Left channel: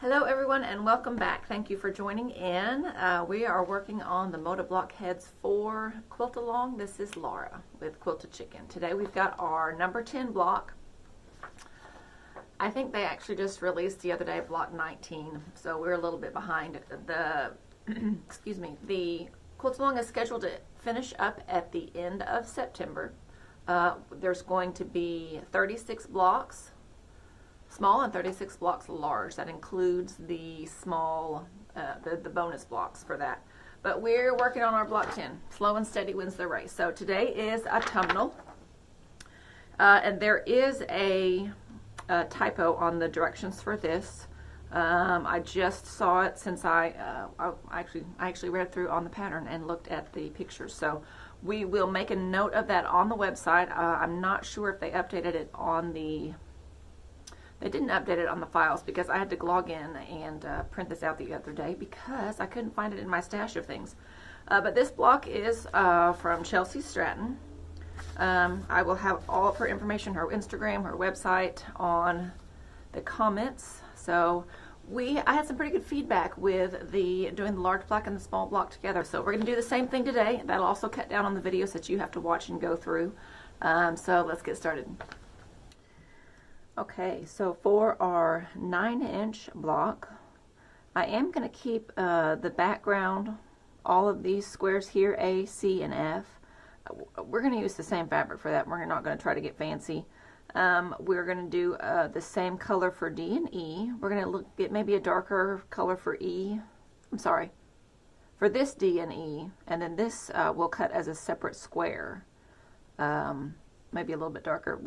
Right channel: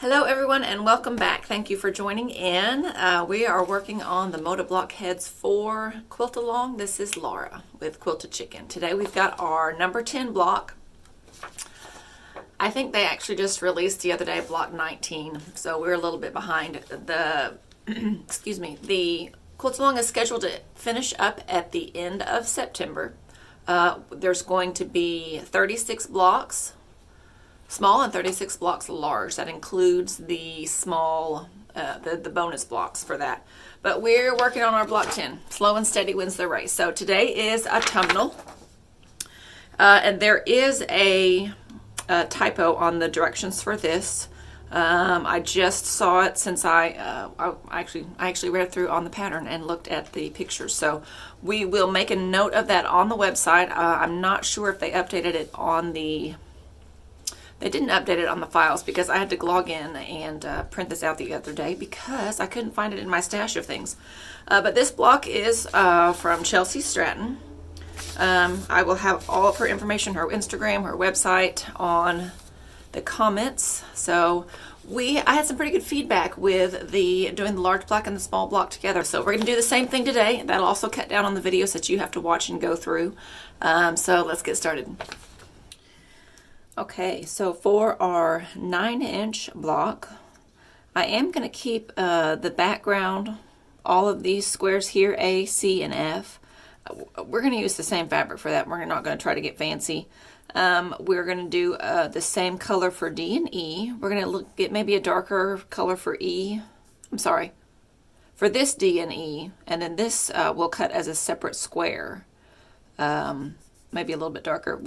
Hello everyone and welcome back. Thank you for joining in. We are working on the motor block heads for Quilt Along. This is Laura with Quilted Chicken. Today we've got our number 10 block. I think they actually just released the other day block 19, so we're a little bit behind. The excuse me, the Quilt Along is scheduled to finish up at the end of September. There's going to be 36 blocks small and 36 blocks large. That includes the small, the bonus blocks for that. But we're working on our block 10. Slow and steady wins the race. So today is Autumnal. And there is a typo on the directions for this. I just saw it since I actually read through on the pattern and looked at the pictures. So we will make a note of that on the website. I'm not sure if they updated it on the... They didn't update it on the files because I had to log in and print this out the other day because I couldn't find it in my stash of things. But this block is from Chelsi Stratton. I will have all of her information, her Instagram, her website on the comments. So I had some pretty good feedback with doing the large block and the small block together. So we're going to do the same thing today. That'll also cut down on the videos that you have to watch and go through. So let's get started. Okay, so for our 9-inch block, I am going to keep the background, all of these squares here, A, C, and F. We're going to use the same fabric for that. We're not going to try to get fancy. We're going to do the same color for D and E. We're going to get maybe a darker color for E. I'm sorry, for this D and E, and then this we'll cut as a separate square. Maybe a little bit darker.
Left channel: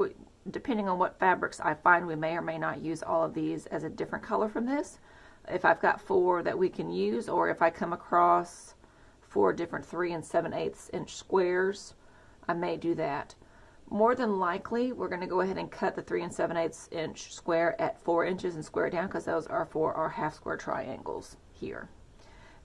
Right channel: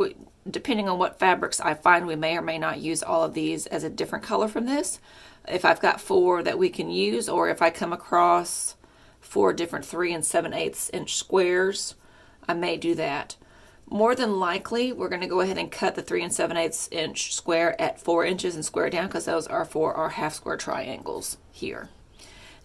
Depending on what fabrics I find, we may or may not use all of these as a different color from this. If I've got 4 that we can use, or if I come across 4 different 3 7/8 inch squares, I may do that. More than likely, we're going to go ahead and cut the 3 7/8 inch square at 4 inches and square down because those are for our half square triangles here.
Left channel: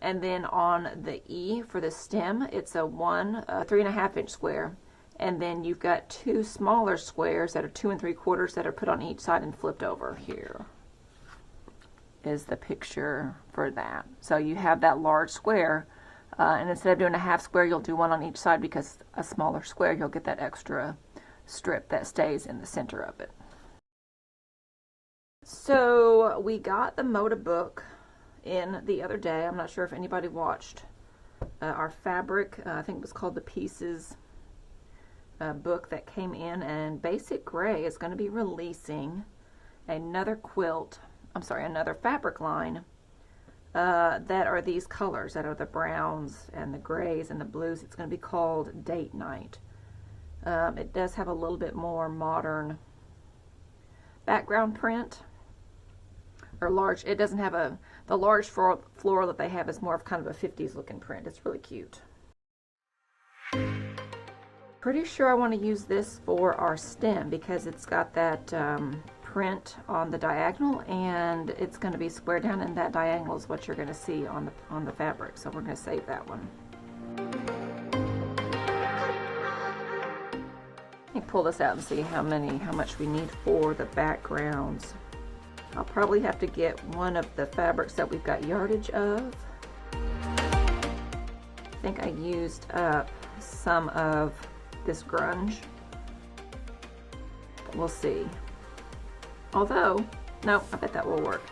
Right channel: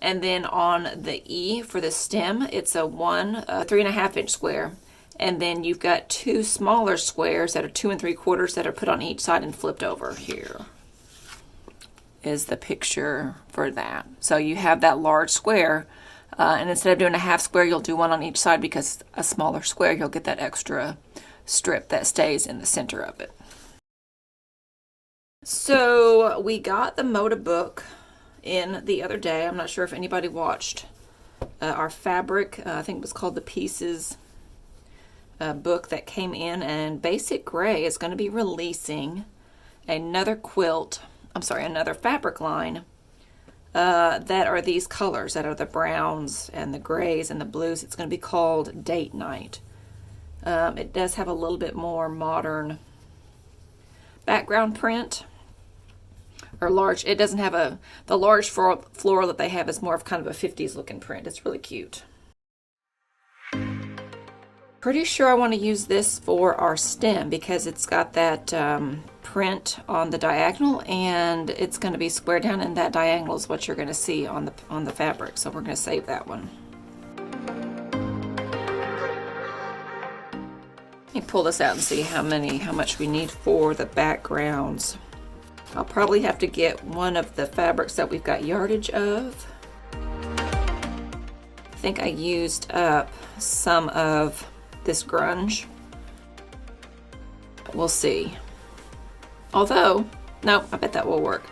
And then on the E for the stem, it's a 3.5 inch square. And then you've got 2 smaller squares that are 2 3/4 that are put on each side and flipped over. Here is the picture for that. So you have that large square, and instead of doing a half square, you'll do one on each side because a smaller square, you'll get that extra strip that stays in the center of it. So we got the Moda book in the other day. I'm not sure if anybody watched our fabric. I think it was called The Pieces book that came in, and Basic Gray is going to be releasing another fabric line that are these colors, that are the browns and the grays and the blues. It's going to be called Date Night. It does have a little bit more modern background print, or large. It doesn't have the large floral that they have is more of kind of a 50s looking print. It's really cute. Pretty sure I want to use this for our stem because it's got that print on the diagonal, and it's going to be square down, and that diagonal is what you're going to see on the fabric. So we're going to save that one. Let me pull this out and see how much we need for the backgrounds. I'll probably have to get one of the fabrics that we've got yardage of. I think I used up some of this grunge. We'll see. Although, no, I bet that will work.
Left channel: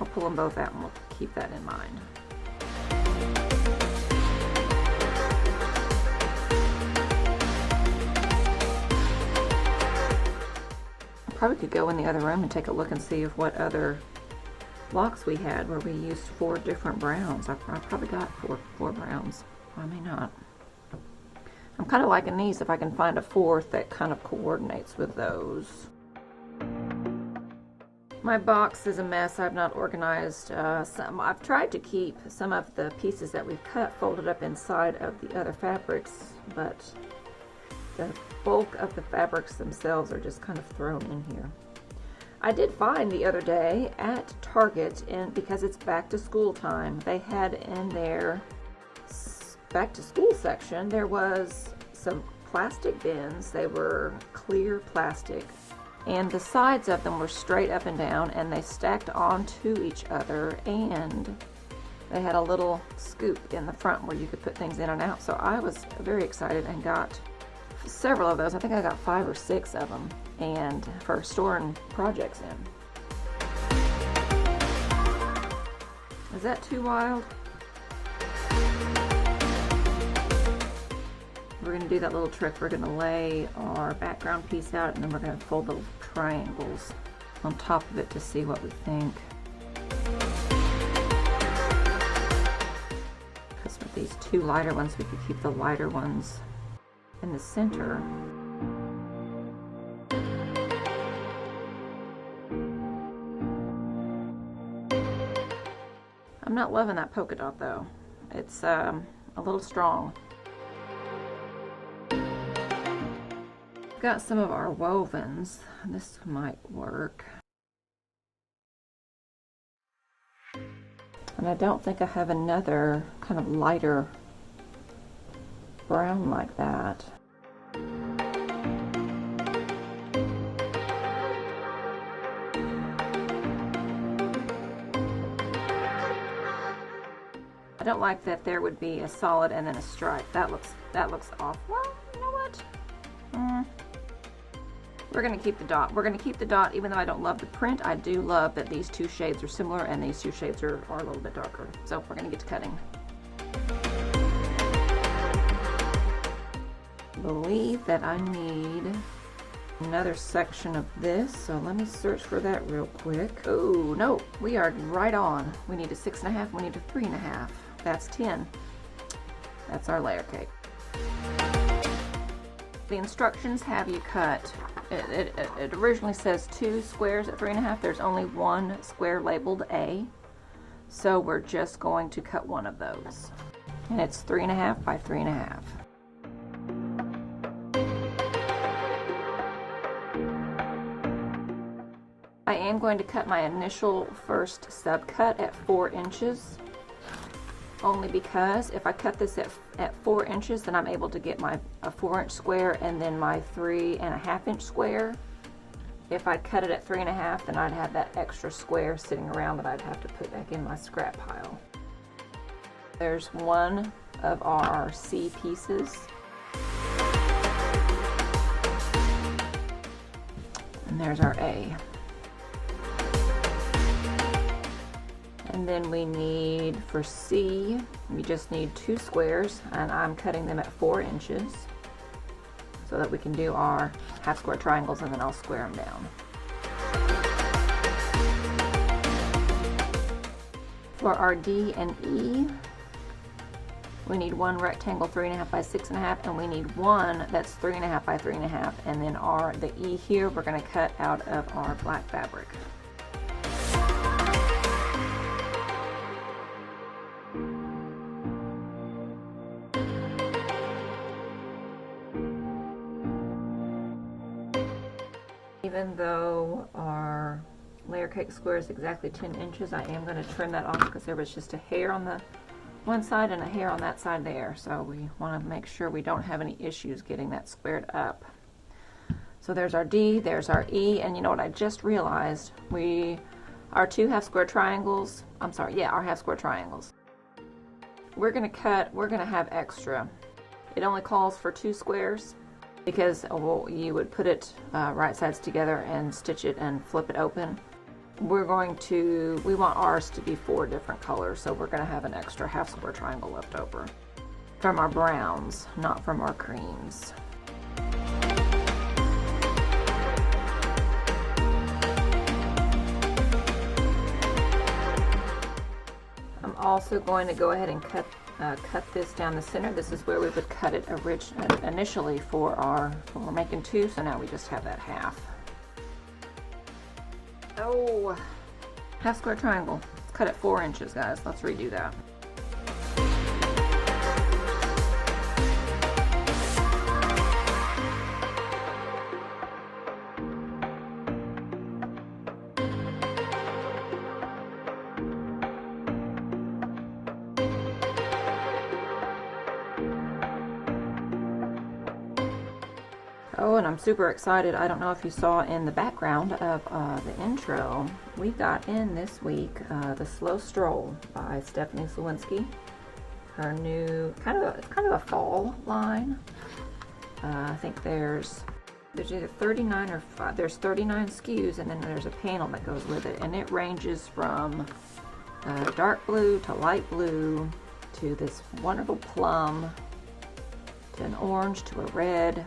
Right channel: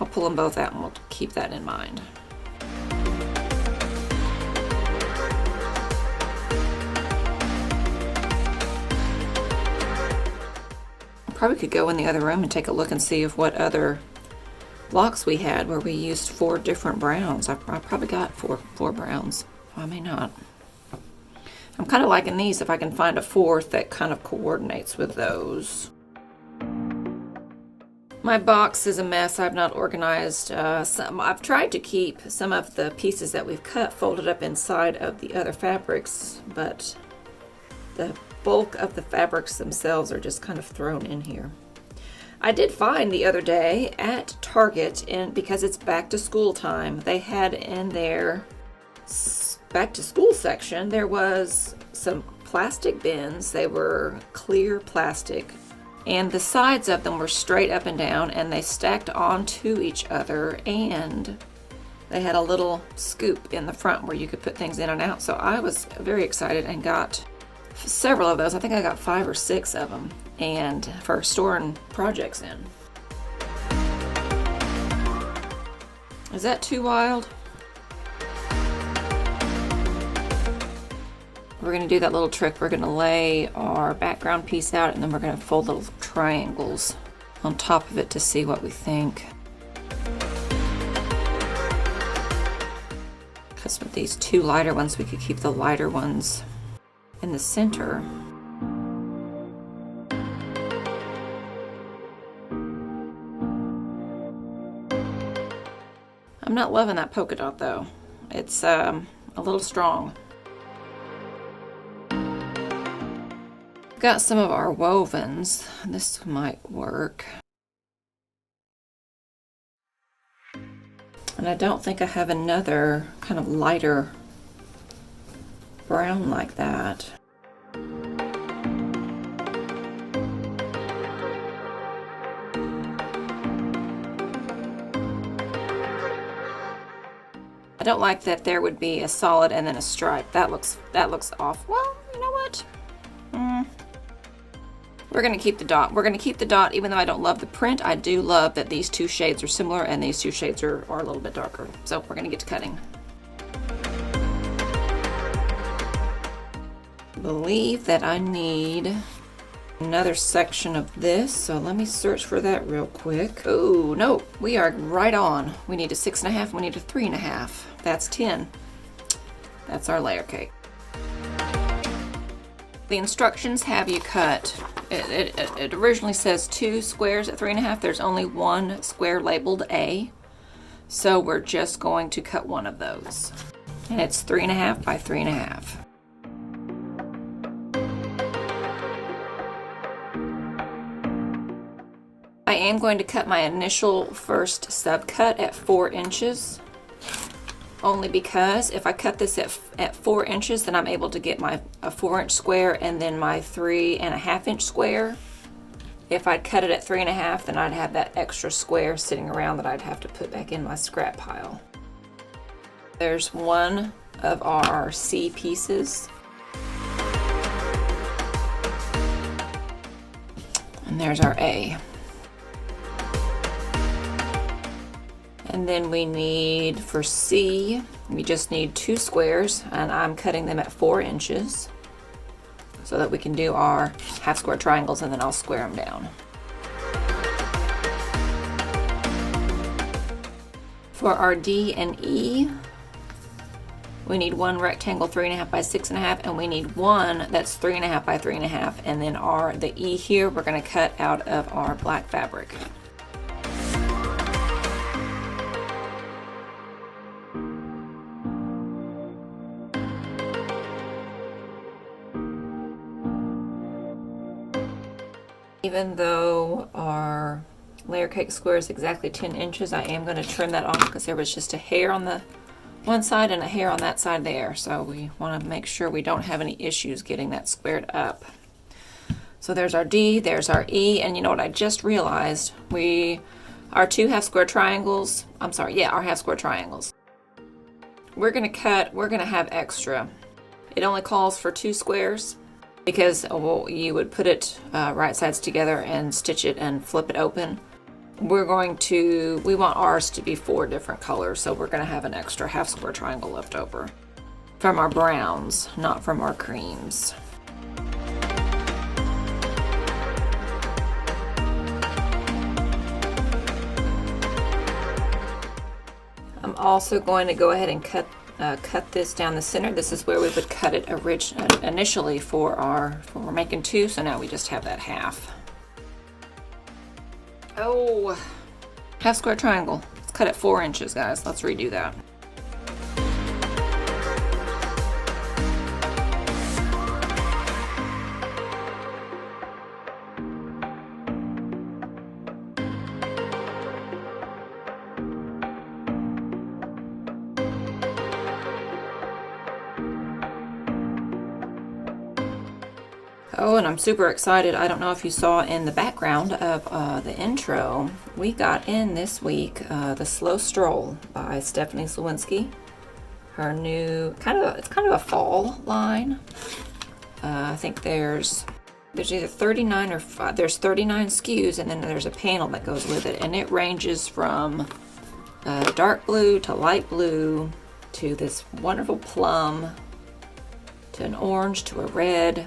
I'll pull them both out and we'll keep that in mind. Probably could go in the other room and take a look and see if what other blocks we had where we used 4 different browns. I probably got four browns. I may not. I'm kind of liking these if I can find a 4th that kind of coordinates with those. My box is a mess. I've not organized I've tried to keep some of the pieces that we've cut folded up inside of the other fabrics, but the bulk of the fabrics themselves are just kind of thrown in here. I did find the other day at Target, and because it's back to school time, they had in their back to school section, there was some plastic bins. They were clear plastic And the sides of them were straight up and down, and they stacked onto each other, and they had a little scoop in the front where you could put things in and out. So I was very excited and got several of those. I think I got 5 or 6 of them, and for storing projects in. Is that too wild? We're going to do that little trick. We're going to lay our background piece out, and then we're going to fold little triangles on top of it to see what we think. Because with these 2 lighter ones, we could keep the lighter ones in the center. I'm not loving that polka dot though. It's a little strong. Got some of our wovens. This might work. And I don't think I have another kind of lighter brown like that. I don't like that there would be a solid and then a stripe. That looks off. Well, you know what? We're going to keep the dot. We're going to keep the dot even though I don't love the print. I do love that these 2 shades are similar and these 2 shades are a little bit darker. So we're going to get to cutting. I believe that I need another section of this. So let me search for that real quick. Oh, no, we are right on. We need a 6.5, we need a 3.5. That's 10. That's our layer cake. The instructions have you cut. It originally says 2 squares at 3.5. There's only 1 square labeled A. So we're just going to cut one of those. And it's 3.5 by 3.5. I am going to cut my initial first sub cut at 4 inches. Only because if I cut this at 4 inches, then I'm able to get a 4-inch square and then my 3.5-inch square. If I'd cut it at 3.5, then I'd have that extra square sitting around that I'd have to put back in my scrap pile. There's one of our C pieces. And there's our A. And then we need, for C, we just need 2 squares, and I'm cutting them at 4 inches so that we can do our half square triangles, and then I'll square them down. For our D and E, we need 1 rectangle 3.5 by 6.5, and we need 1 that's 3.5 by 3.5, and then the E here we're going to cut out of our black fabric. Even though our layer cake square is exactly 10 inches, I am going to trim that off because there was just a hair on the one side and a hair on that side there. So we want to make sure we don't have any issues getting that squared up. So there's our D, there's our E, and you know what I just realized? Our 2 half square triangles, our half square triangles. We're going to have extra. It only calls for 2 squares. Because you would put it right sides together and stitch it and flip it open. We want ours to be 4 different colors, so we're going to have an extra half square triangle left over from our browns, not from our creams. I'm also going to go ahead and cut this down the center. This is where we would cut it initially for we're making 2, so now we just have that half. Oh, half square triangle. Let's cut it 4 inches, guys. Let's redo that. Oh, and I'm super excited. I don't know if you saw in the background of the intro, we got in this week The Slow Stroll by Stephanie Slowinski. Her new, it's kind of a fall line. I think there's either 39 or there's 39 SKUs, and then there's a panel that goes with it, and it ranges from dark blue to light blue to this wonderful plum to an orange to a red.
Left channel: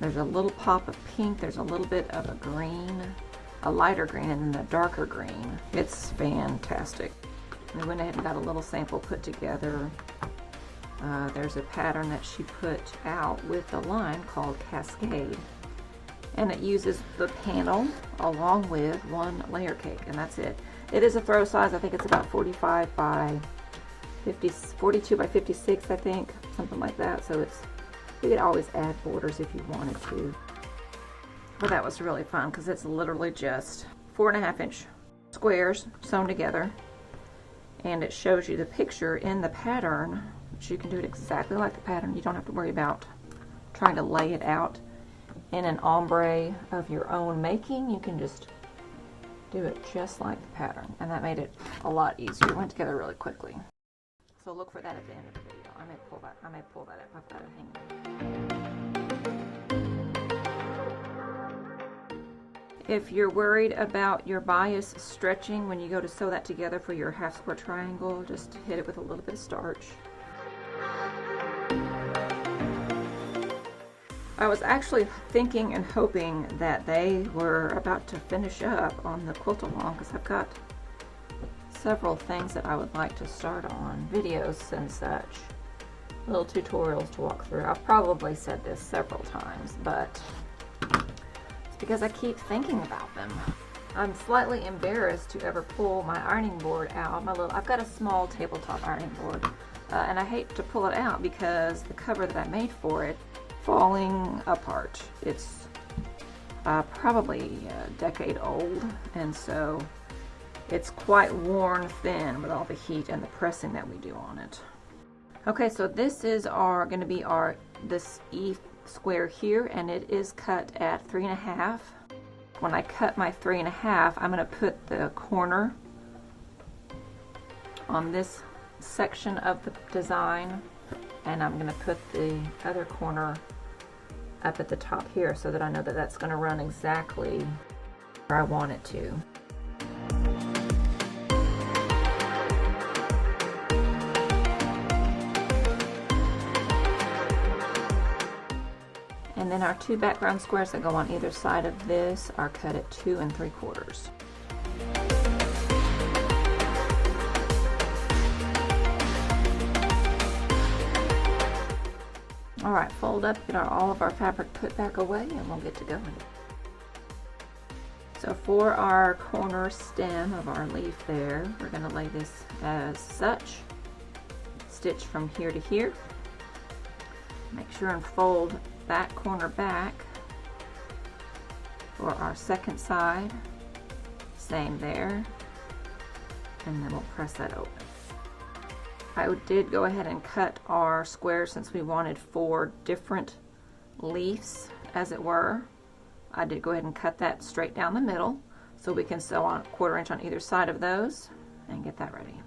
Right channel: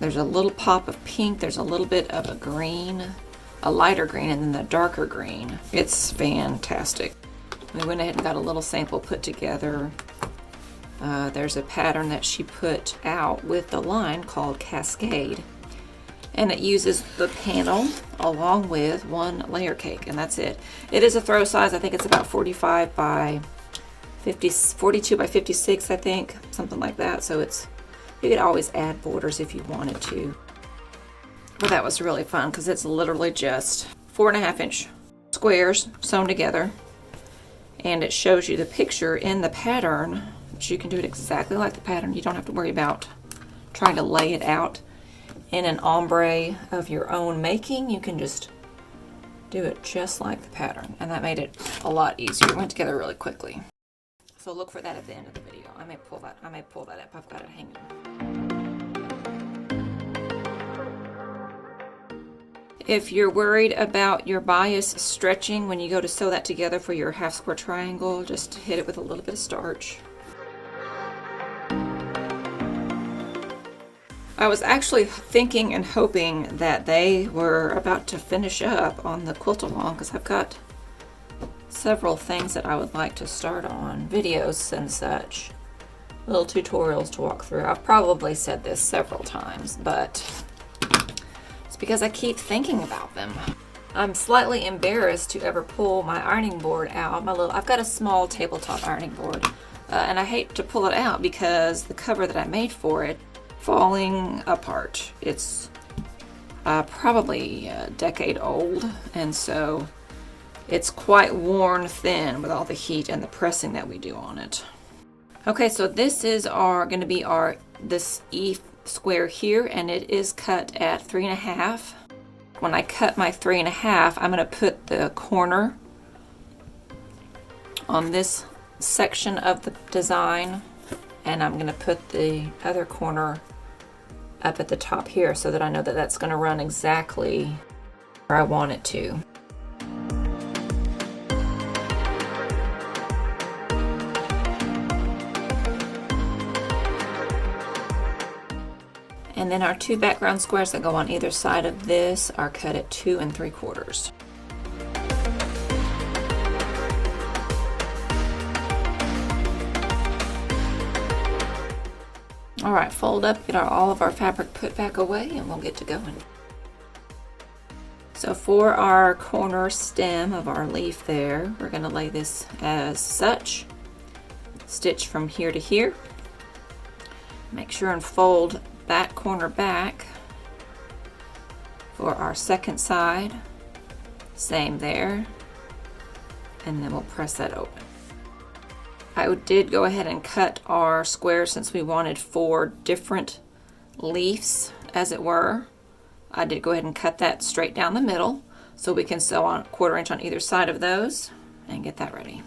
There's a little pop of pink, there's a little bit of a green, a lighter green, and then the darker green. It's fantastic. We went ahead and got a little sample put together. There's a pattern that she put out with the line called Cascade, and it uses the panel along with one layer cake, and that's it. It is a throw size. I think it's about 45 by 50, 42 by 56, I think, something like that. So you could always add borders if you wanted to. But that was really fun because it's literally just 4.5 inch squares sewn together, and it shows you the picture in the pattern, which you can do it exactly like the pattern. You don't have to worry about trying to lay it out in an ombre of your own making. You can just do it just like the pattern, and that made it a lot easier. It went together really quickly. So look for that at the end of the video. I may pull that up. I've got it hanging. If you're worried about your bias stretching when you go to sew that together for your half square triangle, just hit it with a little bit of starch. I was actually thinking and hoping that they were about to finish up on the quilt along, because I've got several things that I would like to start on, videos and such, little tutorials to walk through. I've probably said this several times, but it's because I keep thinking about them. I'm slightly embarrassed to ever pull my ironing board out. I've got a small tabletop ironing board, and I hate to pull it out because the cover that I made for it falling apart. It's probably a decade old, and so it's quite worn thin with all the heat and the pressing that we do on it. Okay, so this is going to be this E square here, and it is cut at 3.5. When I cut my 3.5, I'm going to put the corner on this section of the design, and I'm going to put the other corner up at the top here so that I know that that's going to run exactly where I want it to. And then our two background squares that go on either side of this are cut at 2 3/4. All right, fold up, get all of our fabric put back away, and we'll get to going. So for our corner stem of our leaf there, we're going to lay this as such. Stitch from here to here. Make sure and fold that corner back. For our second side, same there, and then we'll press that open. I did go ahead and cut our square since we wanted 4 different leaves, as it were. I did go ahead and cut that straight down the middle so we can sew on 1/4 inch on either side of those and get that ready.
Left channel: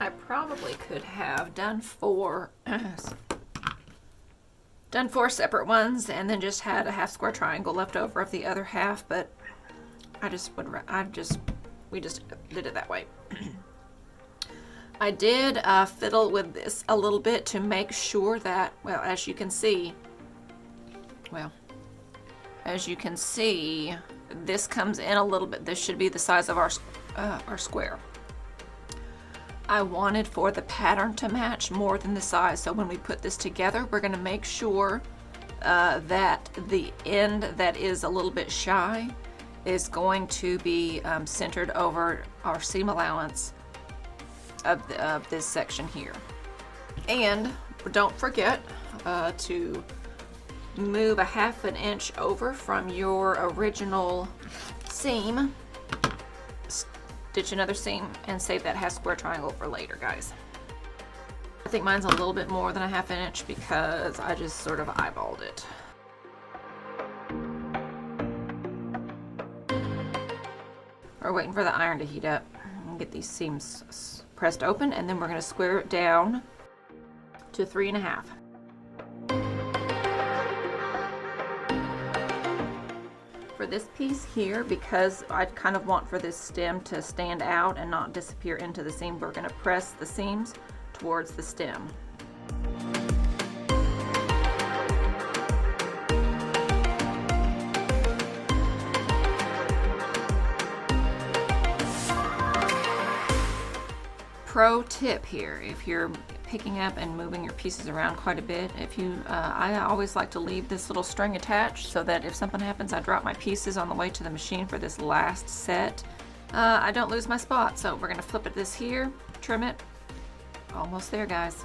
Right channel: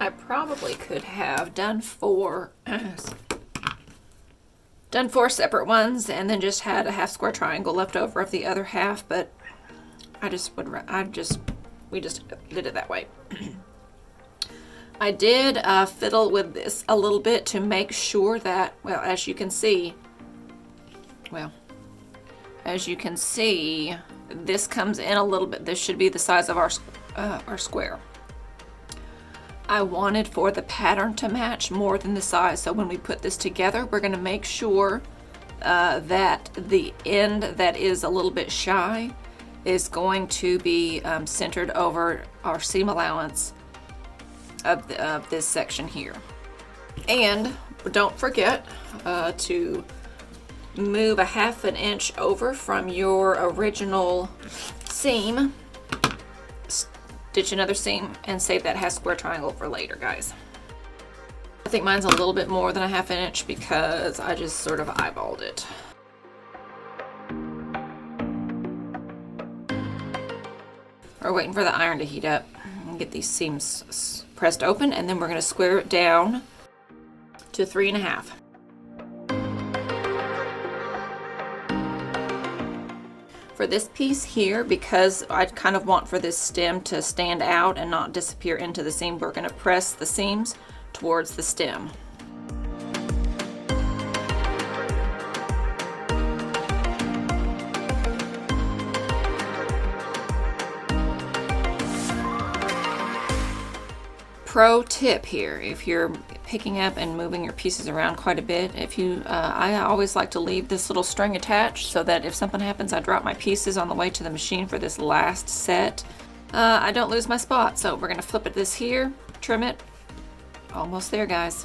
I probably could have done 4 separate ones and then just had a half square triangle left over of the other half, but we just did it that way. I did fiddle with this a little bit to make sure that, well, as you can see, this comes in a little bit. This should be the size of our square. I wanted for the pattern to match more than the size, so when we put this together, we're going to make sure that the end that is a little bit shy is going to be centered over our seam allowance of this section here. And don't forget to move a 1/2 inch over from your original seam, stitch another seam, and save that half square triangle for later, guys. I think mine's a little bit more than a 1/2 inch because I just sort of eyeballed it. We're waiting for the iron to heat up and get these seams pressed open, and then we're going to square it down to 3.5. For this piece here, because I kind of want for this stem to stand out and not disappear into the seam, we're going to press the seams towards the stem. Pro tip here, if you're picking up and moving your pieces around quite a bit, I always like to leave this little string attached so that if something happens, I drop my pieces on the way to the machine for this last set. I don't lose my spot. So we're gonna flip it this here, trim it. Almost there, guys.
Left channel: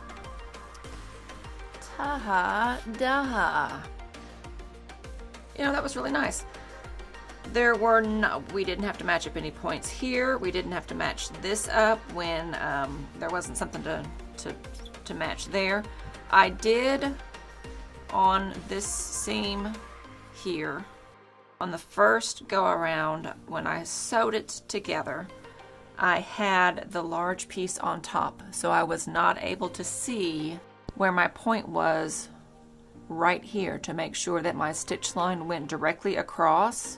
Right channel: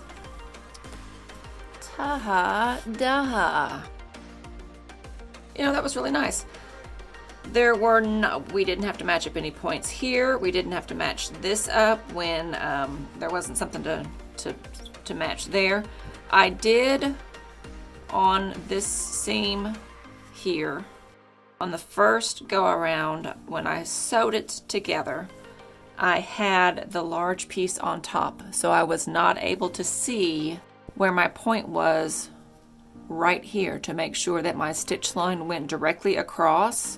Ta-ha-da-ha. You know, that was really nice. We didn't have to match up any points here. We didn't have to match this up when there wasn't something to match there. I did on this seam here, on the first go around when I sewed it together, I had the large piece on top, so I was not able to see where my point was right here to make sure that my stitch line went directly across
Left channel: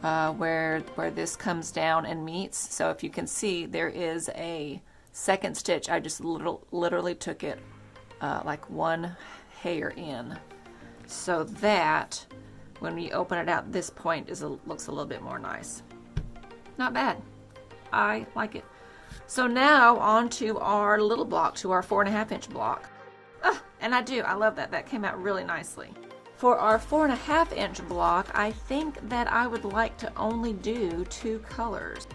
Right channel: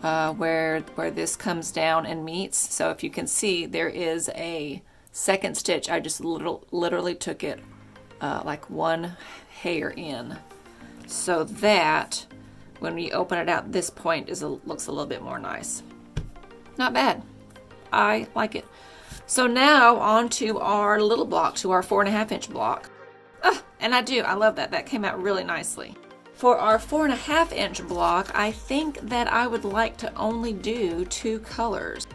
where this comes down and meets. So if you can see, there is a second stitch. I just literally took it like one hair in, so that when we open it out, this point looks a little bit more nice. Not bad. I like it. So now on to our little block, to our 4.5 inch block. And I love that. That came out really nicely. For our 4.5 inch block, I think that I would like to only do 2 colors.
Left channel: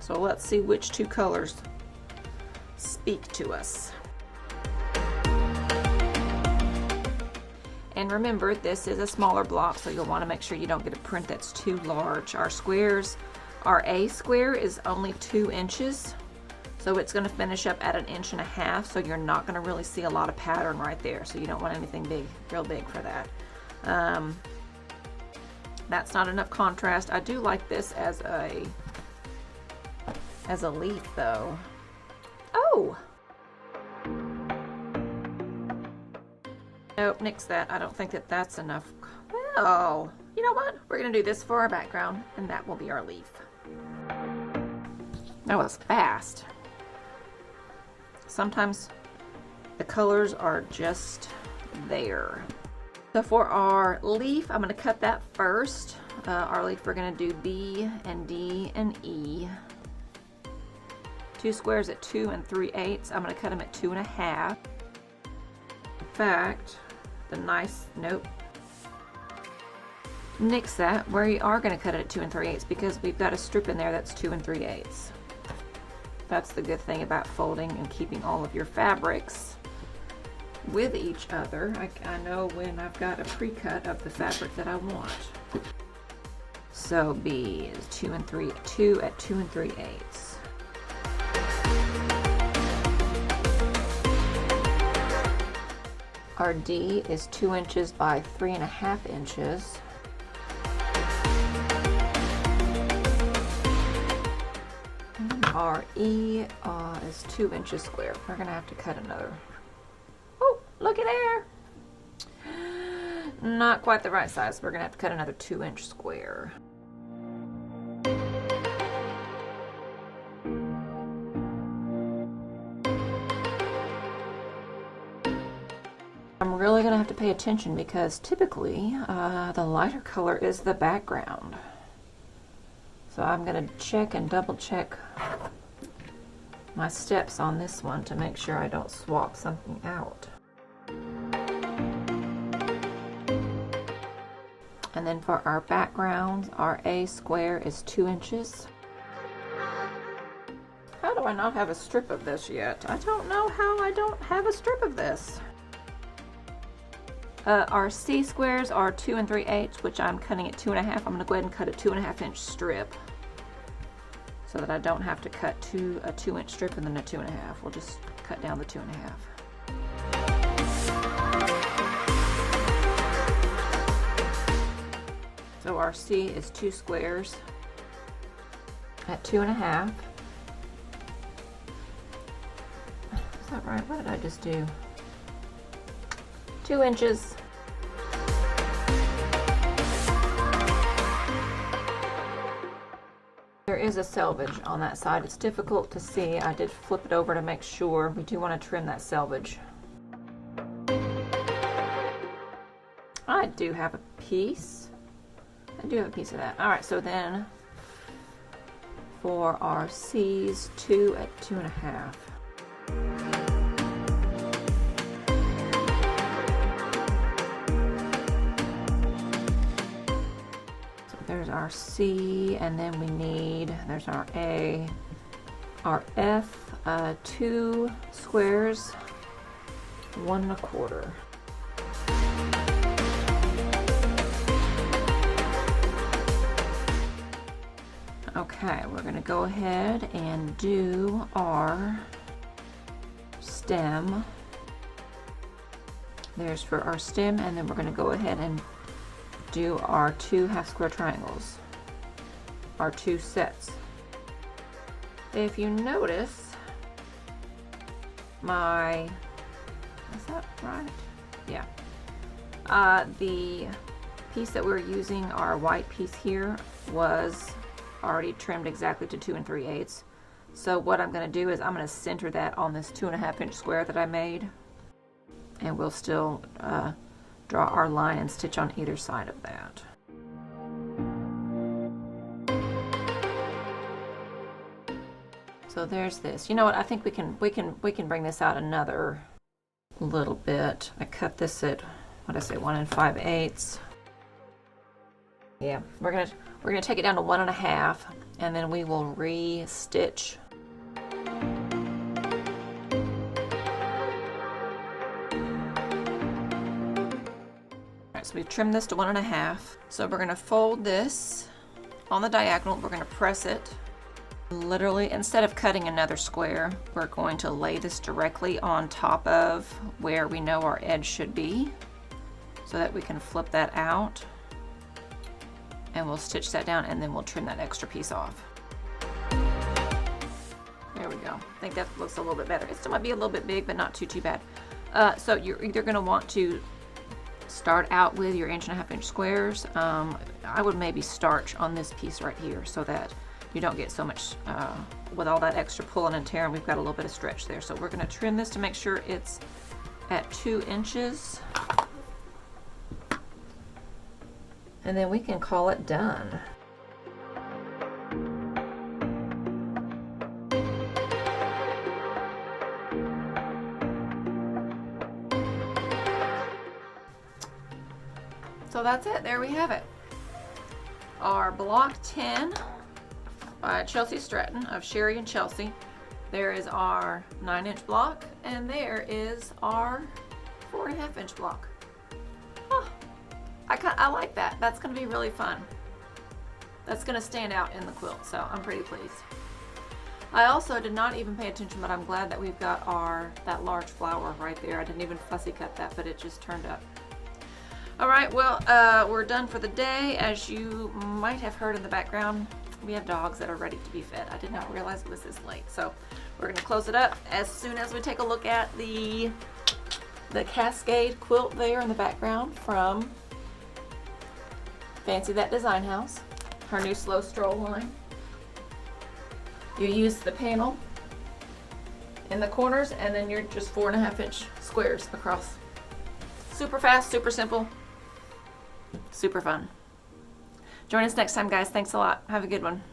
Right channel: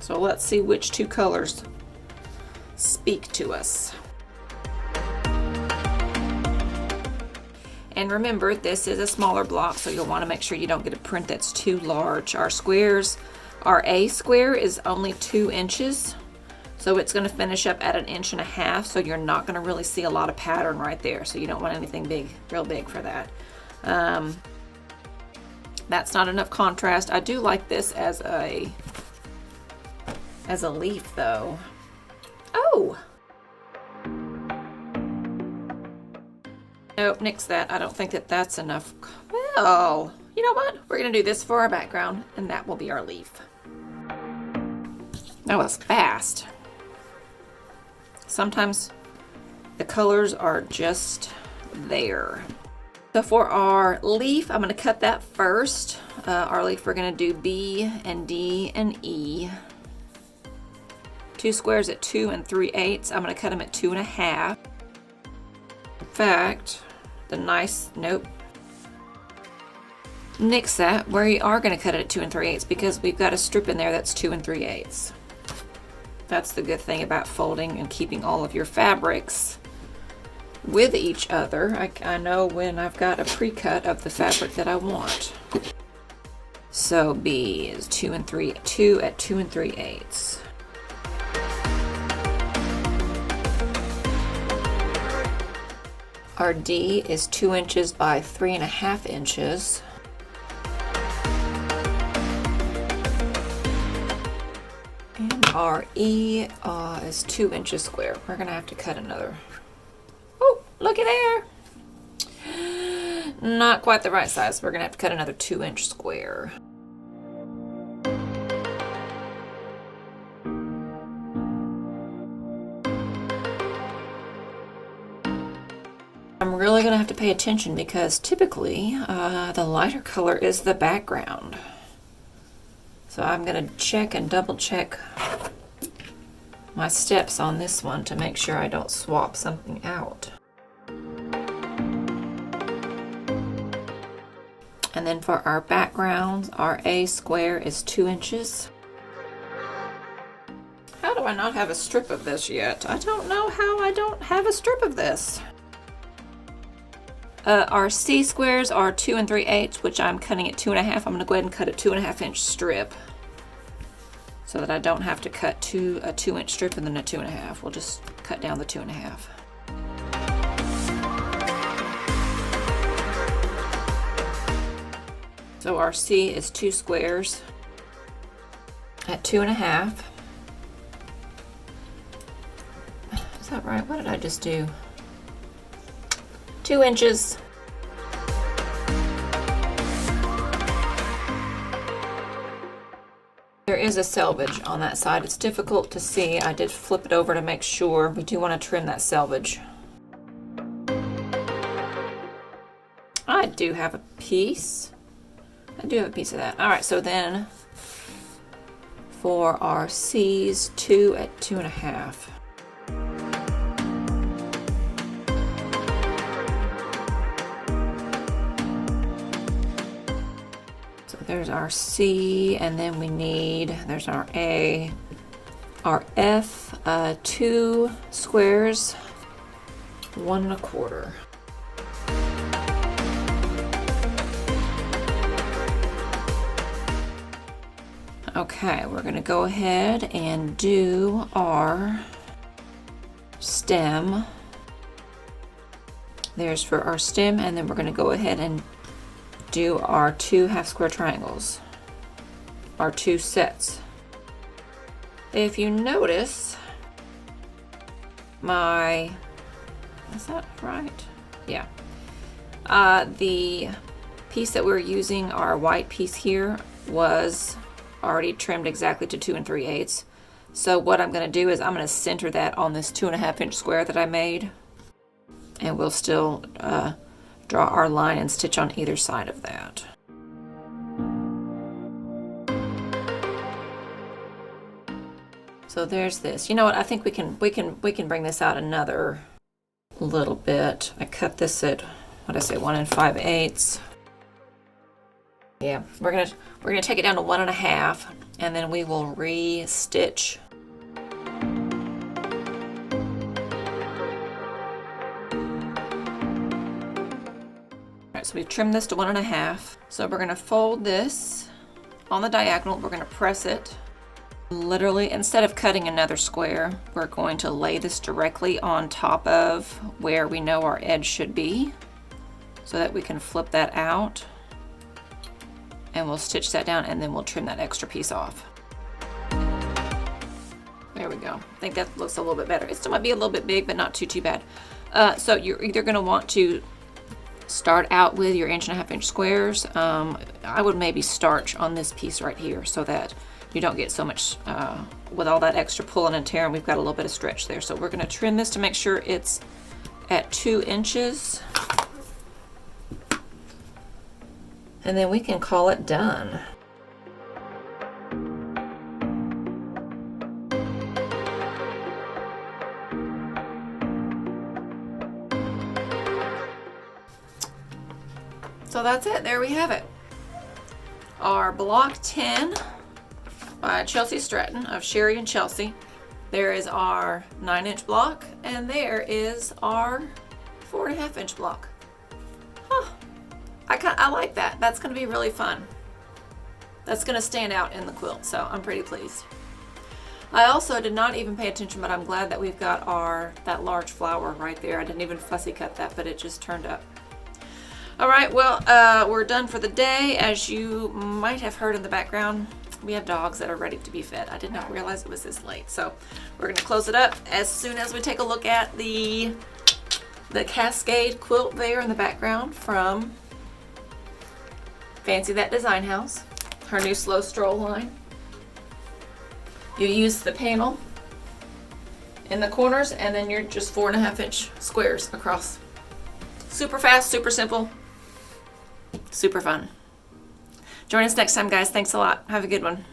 So let's see which 2 colors speak to us. And remember, this is a smaller block, so you'll want to make sure you don't get a print that's too large. Our squares, our A square is only 2 inches. So it's going to finish up at 1.5 inches, so you're not going to really see a lot of pattern right there. So you don't want anything big, real big for that. That's not enough contrast. I do like this as a leaf though. Oh! Nope, nix that. I don't think that that's enough. Well, you know what? We're going to do this for our background, and that will be our leaf. That was fast. Sometimes the colors are just there. So for our leaf, I'm going to cut that first. Our leaf, we're going to do B and D and E. 2 squares at 2 3/8. I'm going to cut them at 2.5. In fact, nope. Nix that. We are going to cut it at 2 3/8 because we've got a strip in there that's 2 3/8. That's the good thing about folding and keeping all of your fabrics with each other. I know when I've got a pre-cut of the fabric that I want. So B is 2 at 2 3/8. Our D is 2 inches by 3.5 inches. Our E is 2 inches square. We're gonna have to cut another. Oh, looky there. Not quite the right size. We're gonna have to cut another 2 inch square. I'm really gonna have to pay attention because typically the lighter color is the background. So I'm going to check and double check my steps on this one to make sure I don't swap something out. And then for our background, our A square is 2 inches. How do I not have a strip of this yet? I don't know how I don't have a strip of this. Our C squares are 2 3/8, which I'm cutting at 2.5. I'm going to go ahead and cut a 2.5 inch strip so that I don't have to cut a 2 inch strip and then a 2.5. We'll just cut down the 2.5. So our C is 2 squares at 2.5. Is that right? What did I just do? 2 inches. There is a selvage on that side. It's difficult to see. I did flip it over to make sure. We do want to trim that selvage. I do have a piece. I do have a piece of that. All right, so then for our C's, 2 at 2.5. So there's our C, and then we need, there's our A, our F, 2 squares, 1 1/4. Okay, we're going to go ahead and do our stem. There's for our stem, and then we're going to go ahead and do our 2 half square triangles, our 2 sets. If you notice, is that right? Yeah. The piece that we're using, our white piece here, was already trimmed exactly to 2 3/8. So what I'm going to do is I'm going to center that on this 2.5 inch square that I made, and we'll still draw our line and stitch on either side of that. So there's this. You know what? I think we can bring this out another little bit. I cut this at, what did I say, 1 5/8. Yeah, we're gonna take it down to 1 1/2, and then we will re-stitch. Alright, so we've trimmed this to 1 1/2. So we're gonna fold this on the diagonal, we're gonna press it. Literally, instead of cutting another square, we're going to lay this directly on top of where we know our edge should be, so that we can flip that out. And we'll stitch that down, and then we'll trim that extra piece off. There we go. I think that looks a little bit better. It still might be a little bit big, but not too bad. So you're either going to want to start out with your 1.5 inch squares. I would maybe starch on this piece right here so that you don't get so much, with all that extra pulling and tearing, we've got a little bit of stretch there. So we're going to trim this to make sure it's at 2 inches. And then we can call it done. So that's it. There we have it. Our block 10 by Chelsi Stratton of Sherry and Chelsea. There is our 9 inch block, and there is our 4.5 inch block. Huh. I like that. That's going to be really fun. That's going to stand out in the quilt, so I'm pretty pleased. I also did not even pay attention, but I'm glad that we've got that large flower right there. I didn't even fussy cut that, but it just turned up. All right, well, we're done for the day. As you might have heard in the background, we have dogs that are ready to be fed. I did not realize it was this late, so we're going to close it up as soon as we take a look at the Cascade Quilt there in the background from Fancy That Design House, her new Slow Stroll line. You use the panel in the corners, and then you're just 4.5 inch squares across. Super fast, super simple, super fun. Join us next time, guys. Thanks a lot. Have a good one.